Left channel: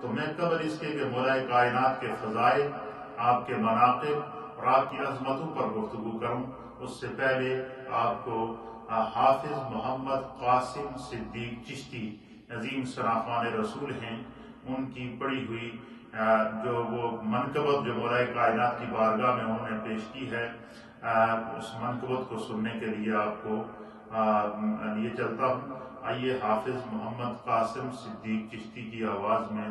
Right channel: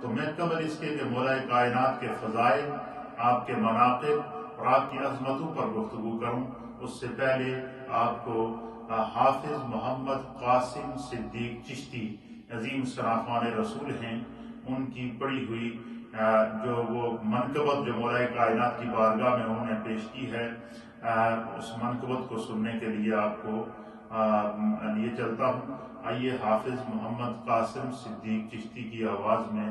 تو میں قبل اس کے مولا کائنات کے فضائل، آپ کے مناقب اور آپ کی عظمتوں پر گفتگو کروں، اس سے پہلے آپ کو حافظ محمد قاسم صدیق چشتی عظیم شرافان رسول ہیں، ان کی پڑھی ہوئی جو وہ منقبت جو مولا کائنات کی بارگاہ میں انہوں نے پیش کی ہے، اس منقبت کو سننے کے لیے آپ کو لیے چلتا ہوں۔ آئیے حافظ محمد قاسم صدیق چشتی کی آواز میں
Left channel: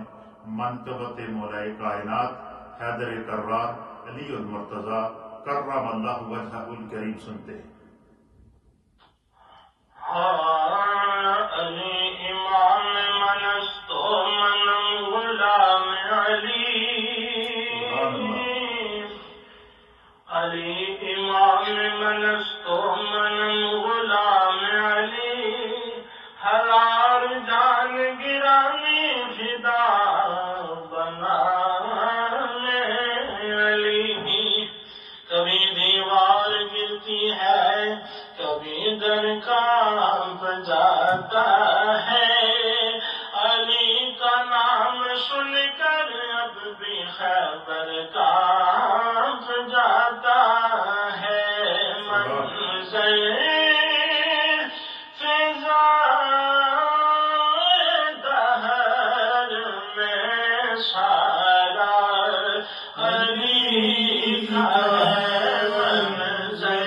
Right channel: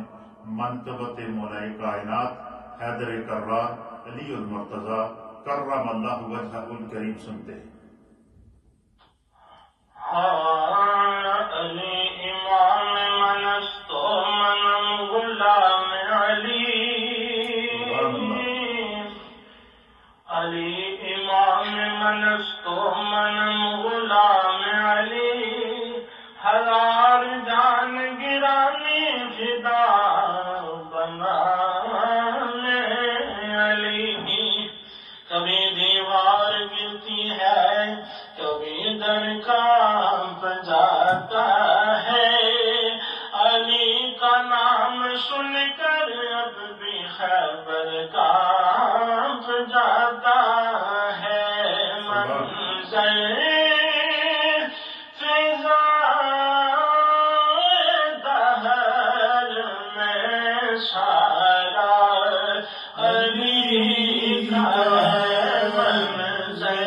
منقبت مولا کائنات حیدر کرار علی المرتضیٰ کرم اللہ وجہہ الکریم سنتے ہیں۔ علی امام منستو من غلام علی، علی امام منستو من غلام علی، ہر آر جان گرامی فدا بنانے علی، کبھی دیوار گرتی ہے کبھی در کانپ جاتا ہے، علی کا نام سن کر اب بھی خیبر کانپ جاتا ہے، منظر فضا دہر میں سارا علی کا ہے، منظر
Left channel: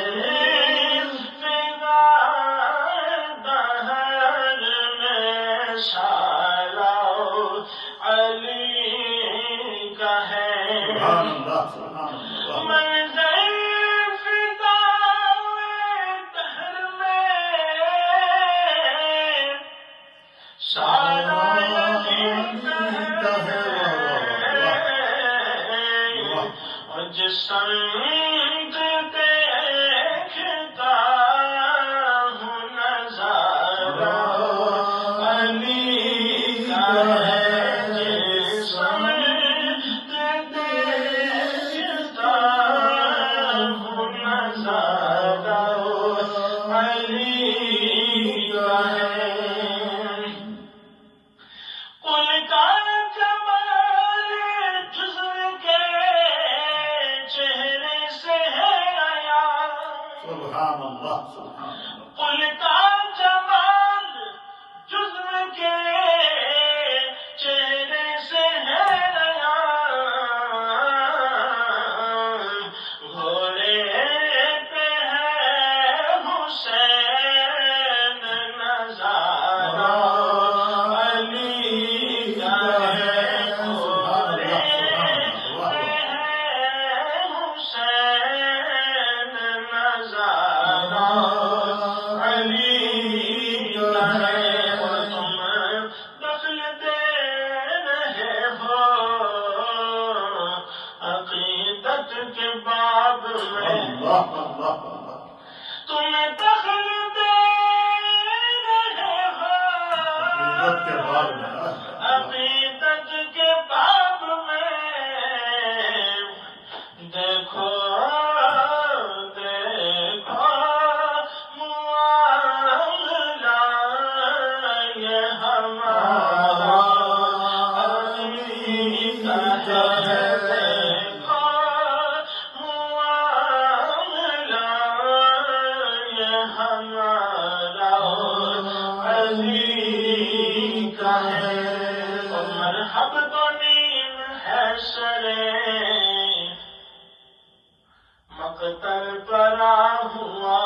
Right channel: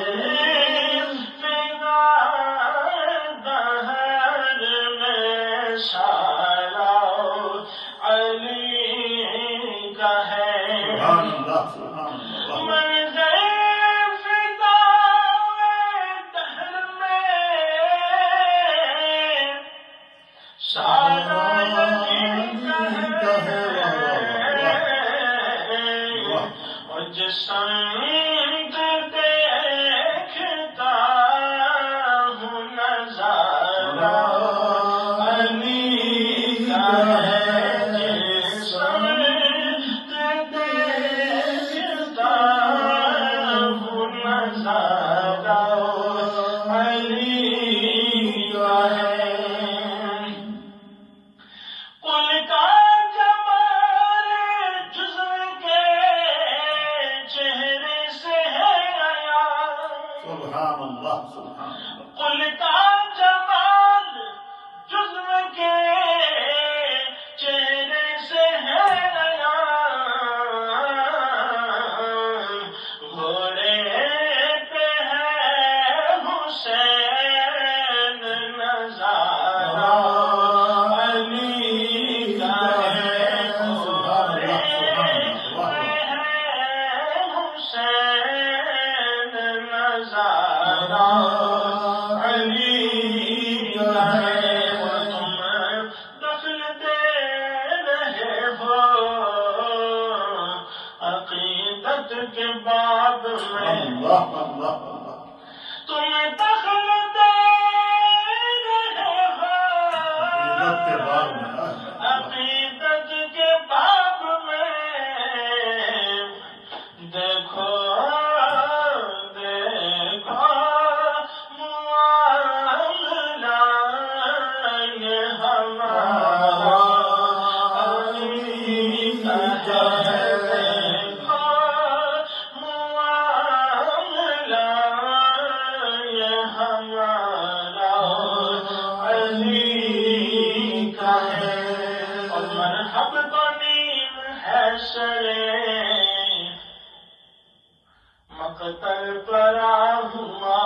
مقتل پڑا ہوا،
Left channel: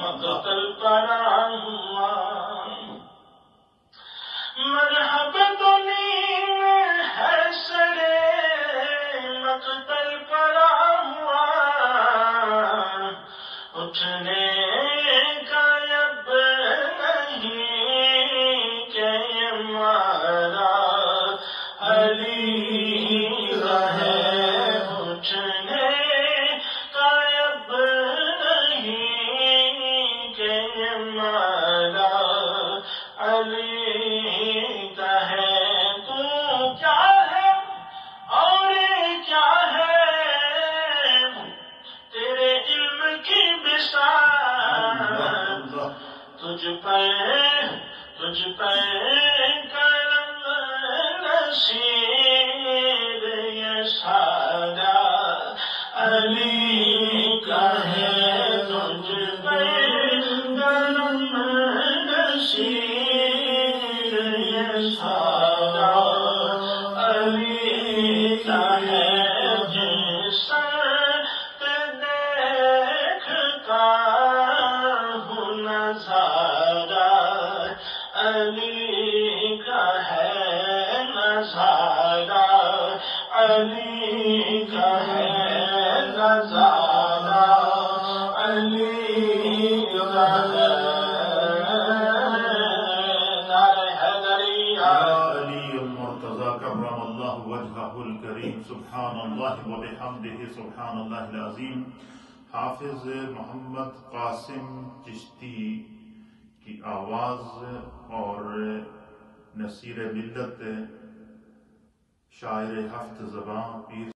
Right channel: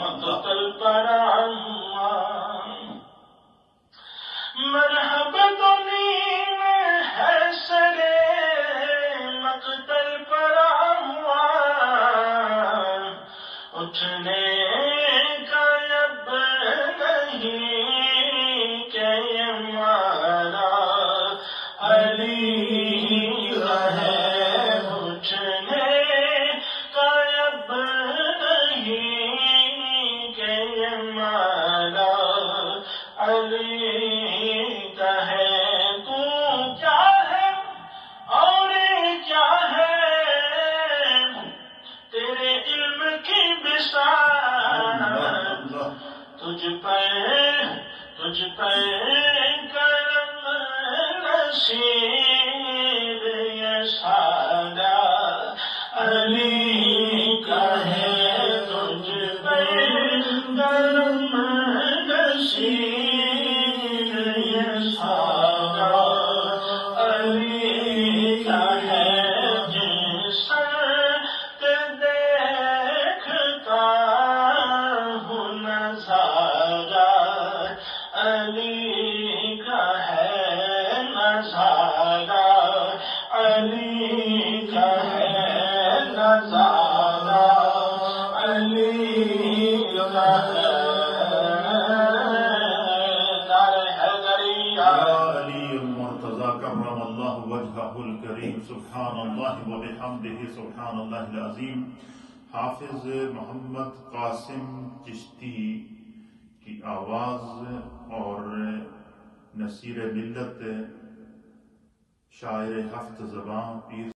مقتل پڑا ہوا، مرحبت نیم ہے سرے مقتل پڑا ہوا، اٹھنے کا اب نہیں کہ مارا علی ہے، اٹھنے کا اب نہیں کہ مارا علی کا ہے، تو کیا ہے اور کیا ہے تیرے علم کی بساط، تجھ پہ نصیر یہ سارا علی کا ہے تجھ پہ کرم نصیر یہ سارا علی کا ہے جس دیکھتا ہوں نظارہ علی کا ہے نظارہ علی کا ہے نظارہ علی کا ہے علی المرتضی کرم اللہ وجہہ الکریم سبحان اللہ وبحمدہ سبحان اللہ العظیم. حافظ محمد قاسم چشتی کی آواز اور نصیر ملت شاعر ہفت زباں پیر